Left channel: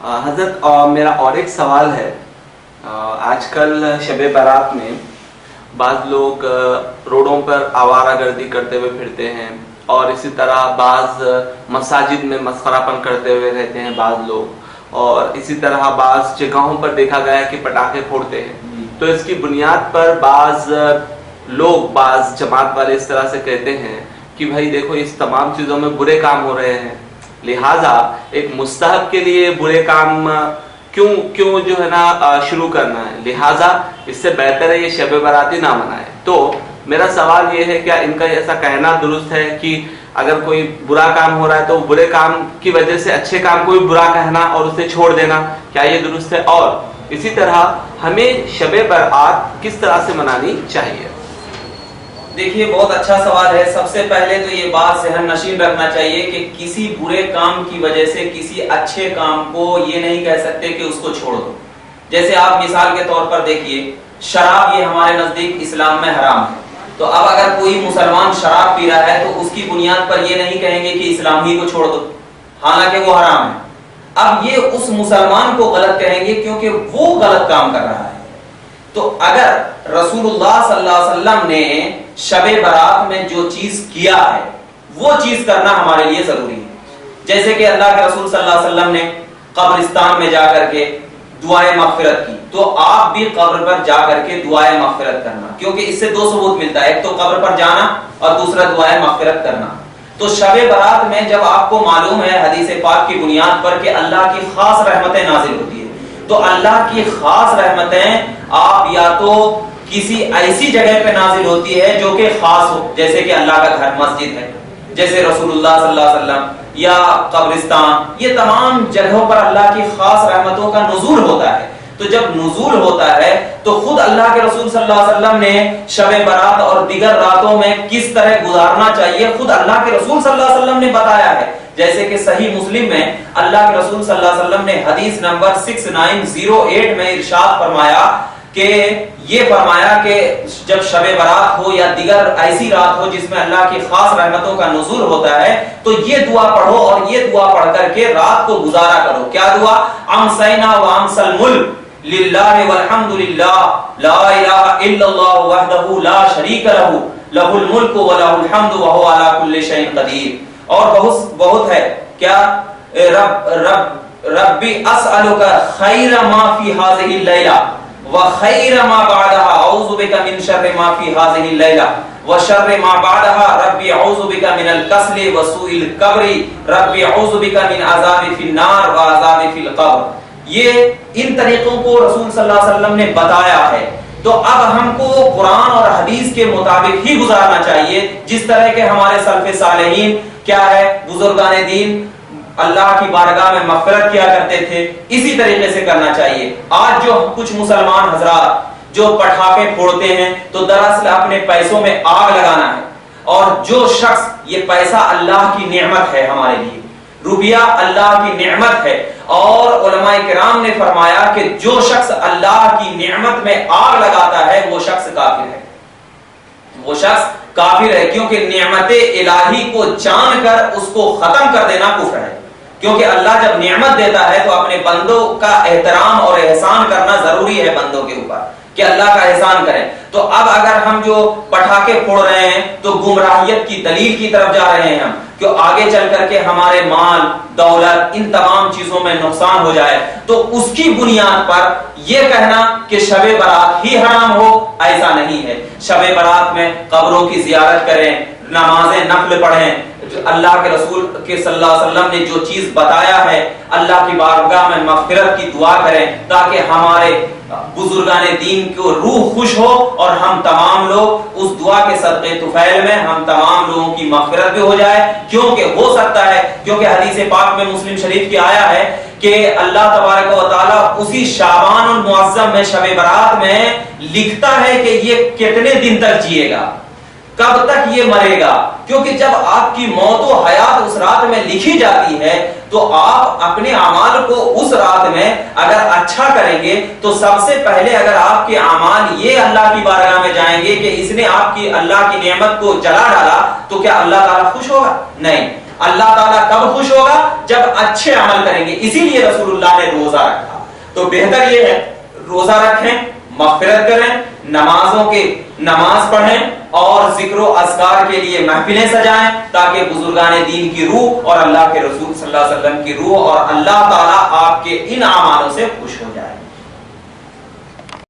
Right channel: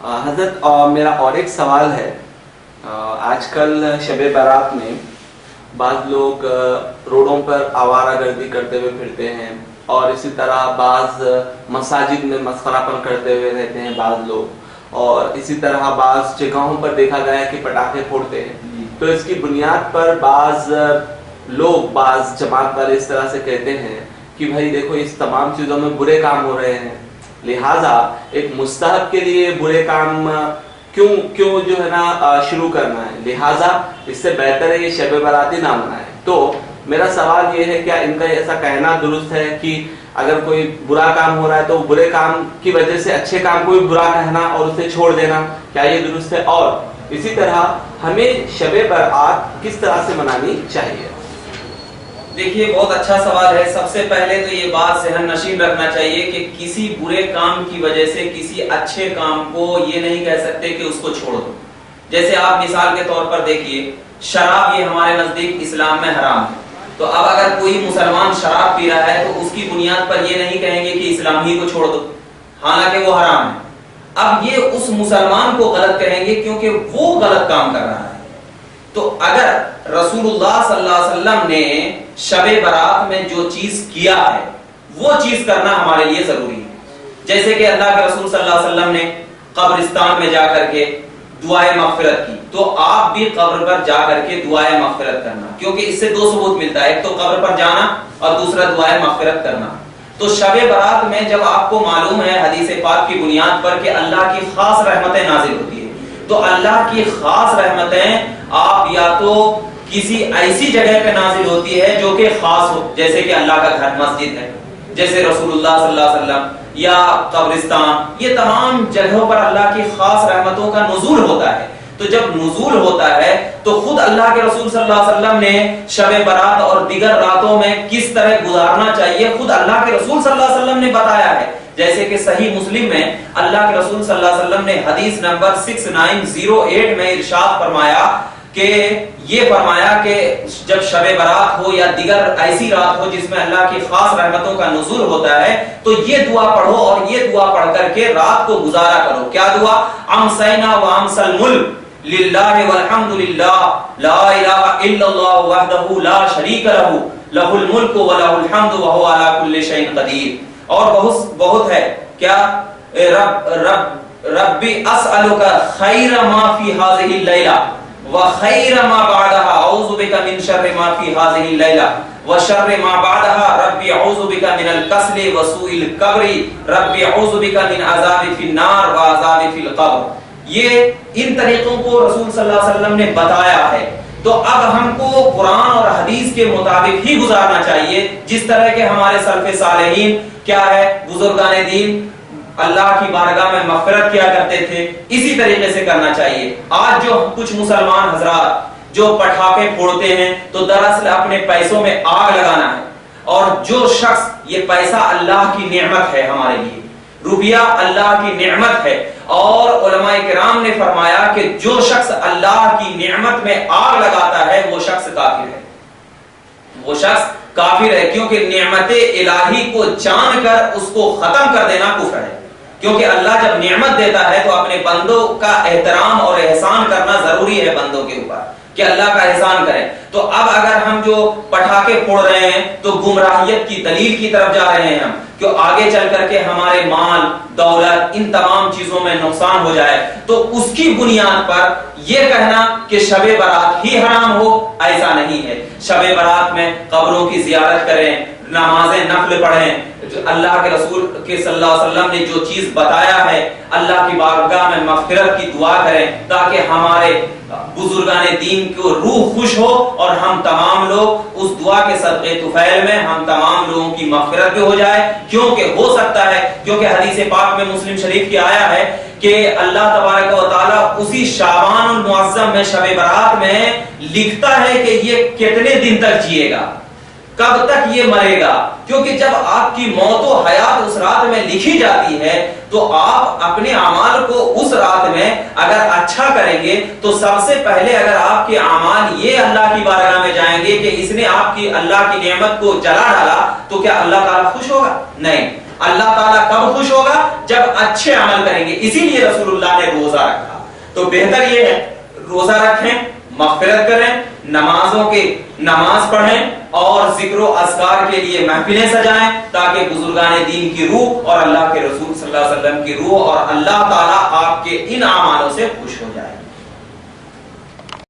حضرت میرا اور ایک سوال ہے. آج کل شب برات میں بعض لوگ روڈوں پر آوارہ گردی کرتے ہوئے پھرتے ہیں اور اسی طرح بعض مساجد میں مسخرہ پن کرتے ہوئے رہتے ہیں بعض لوگ, اور اسی طرح بعض جگہوں پر دیکھا گیا ہے کہ پٹاخے پھوڑتے ہیں. تو اس کی بنیاد پر بعض لوگ, بعض جماعت والے اس طرح سے کہتے ہیں کہ بھائی دیکھو اس تمام چیزوں میں برے کام ہو رہے ہیں, لہٰذا ایک مستحب کے لیے برے کام کیوں جو ہے نا شروع کرنا ہے, لہٰذا اس سے بہتر ہے یہ شب براتی نہ منائے. تو میرا سوال یہ ہے, کیا ان کا ایسا کہنا درست ہے کہ اگر کوئی برا کام ہو رہا ہے تو برے کام کی وجہ سے اچھے کام کو بھی برا کہنا اور اسے چھوڑ دینا, کیا یہ درست ہے؟ اور اسی طرح ہمیں شب برات کس طرح سے منانی چاہیے؟ دیکھیے بہت اچھا سوال ہے. سب سے پہلے تو یہ بات ذہن نشین رکھنا چاہیے کہ کسی برے کام کی وجہ سے کسی اچھے کام کو یہ نہیں کہہ سکتے کہ اس کو چھوڑ دو. جیسے آپ مثال کے طور پر دیکھیے, شراب یہ ہمارے نزدیک اسلام میں حرام ہے, تو اب اگر کوئی مسلمان شراب پی رہا ہے تو اس کی بنیاد پر یہ نہیں کہیں گے کہ اسلام ہی کو چھوڑ دو, حالانکہ وہ حرام ہے. اب یہ اس مسلمان کو غلط کہیں گے کیونکہ وہ غلط کام کر رہا ہے. تو اگر رسول اللہ صلی اللہ علیہ وسلم نے شب برات میں جو چیز کیا ہے وہ چیز کرنا ہمارے لیے ضروری ہے. جیسے کہ اللہ کے رسول صلی اللہ علیہ وسلم نے قبرستان میں جا کر کے دعائے مغفرت کی, تو آپ بھی قبر پر جا کر کے دعائے مغفرت کرنا, کیونکہ اس سے دو ثبوت ملتا ہے, ایک تو قبر پر جانا اور دوسرا دعائے مغفرت کرنا. تو شب برات میں جب آپ کو معلوم ہے حدیث پاک کی بنیاد پر کہ اللہ کی خاص رحمتیں نازل ہوتی ہیں, تو اللہ کی خاص رحمتیں آپ یا تو کسی ایسی جگہ پہ نازل ہوتی ہے جو کہ خاص ہو, جیسے کہ اللہ کا گھر مسجد ہے, جیسے رسول اللہ صلی اللہ علیہ وسلم, یا قبرستان, یہ تمام جگہوں پر اللہ کی خاص رحمتوں کا نزول ہوتا ہے. تو جب نزول ہوتا ہے تو خود اللہ کے رسول صلی اللہ علیہ وسلم نے شب برات اور دیگر راتوں میں کس طرح گزارنا چاہیے خود اللہ کے رسول صلی اللہ علیہ وسلم نے بتایا ہے. جیسے کہ صحیح مسلم میں اللہ کے رسول صلی اللہ علیہ وسلم نے حدیث نمبر 6908 میں ارشاد فرمایا کہ یہ فرمایا کہ جب شب برات ہو یا دیگر ایسی رات ہو جس میں اللہ کی خاص رحمتوں کا نزول ہوتا ہے تو یہ دعا پڑھو, اور یہ دعا پڑھ کر کے رات کو گزارا کرو. کیا دعا؟ امسینا وامس الملک للہ والحمد للہ لا الہ الا اللہ وحدہ لا شریک لہ لہ الملک ولہ الحمد وہو علی کل شیء قدیر. اور بہت ہے, کیا ربی اسألک خیر ما فی ہذہ اللیلہ وخیر ما بعدها اعوذ بک من شر ما فی ہذہ اللیلہ وشر ما بعدها ربی اعوذ بک من الکسل وسوء القبر ربی اعوذ بک من عذاب فی النار وعذاب فی القبر. یہ ان طریقوں کو رسول صلی اللہ علیہ وسلم نے بتایا ہے. تو اب ہم کو قرآن اور حدیث کے مطابق ہی گزارنا چاہیے, جس طرح کے ہمارے سلف صالحین کیا ہے, بزرگان دین اللہ کی بارگاہ میں مغفرت کیا کرتے تھے, اسی طریقے سے کرنا چاہیے. آج جو کچھ مسلمان حضرات جو پٹاخے پھوڑتے ہیں تو دراصل اپنے پیسوں میں آگ لگانا ہے, اور جو شخص, یہ پیسہ اللہ کی نعمت ہے ہمارے لیے, روپیہ اللہ کی نعمت ہے, اور علماء کرام نے فرمایا کہ جو شخص اللہ کی نعمت میں آگ لگاتا ہے وہ شخص کافر ہے, وہ شخص کافر ہے, کیونکہ نعمت الہی کو جان کر اس کو ختم کر دینا کفر ہے. کیونکہ اللہ جب نعمت دیتا ہے تو اپنے بندوں کا احترام اور احسان کرنا ضروری ہے بندوں کے اوپر, کہ اللہ کا احسان کریں. تو اب اگر ہم جو پٹاخے پھوڑ رہے ہیں تو گمراہیت کی دلیل کی طرف جا رہے ہیں ہم, کہ آگے چل کر کے ہمارے مال دولت ان تمام چیزوں میں نقصان ہو جائے. تو اس کی بنیاد پر یہ کہنا کہ شب برات ہی حرام ہو, ایسا نہیں ہے. شب برات میں قبروں کی زیارت کریں, نمازیں نفل پڑھیں, اللہ کے رسول کے صلی اللہ علیہ وسلم نے جو چیز بتایا ہے اللہ کی بارگاہ میں مغفرت کی دعا کریں, تاکہ ہمارے بزرگان دین کو روح خوش ہو, اور ہم تمام لوگ اس دعا کے صدقے طفیل میں ہم تمام لوگوں کی مغفرت بھی ہو جائے. کیونکہ ہو سکتا ہے, کیونکہ حدیث پاک میں مسلم شریف کی آیا ہے کہ اللہ تبارک و تعالیٰ اسی شعبان المعظم میں شب برات میں لکھتا ہے کہ یہ کتنے دن تک جیے گا, کب تک یہ مرے گا. کیونکہ جب آپ کی موت و حیات اس رات میں لکھی جاتی ہے تو آپ اپنے اعمال کو اس رات میں اگر اچھا کریں گے تو سب سے پہلے اگر آپ کے اعمال یہ اللہ کی بارگاہ میں جائیں گے کہ اس نے آپ کی اللہ کی نعمت کو جلا ڈالا, تو کیا اللہ تعالیٰ خوش ہوگا؟ نہیں. اللہ تعالیٰ کب خوش ہوگا؟ جب اچھے عمل کریں گے. اسی لیے رسول اللہ نے روزہ رکھا. تو بہتر یہ ہے روزہ رکھیں, مغفرت کریں, نماز پڑھیں اور ذکر و اذکار کے لیے محفلیں سجائیں تاکہ بزرگان دین کی روح اور اللہ کے رسول صلی اللہ علیہ وسلم کی روح اور اللہ تعالیٰ آپ کے ان اعمالوں سے خوش ہو جائے.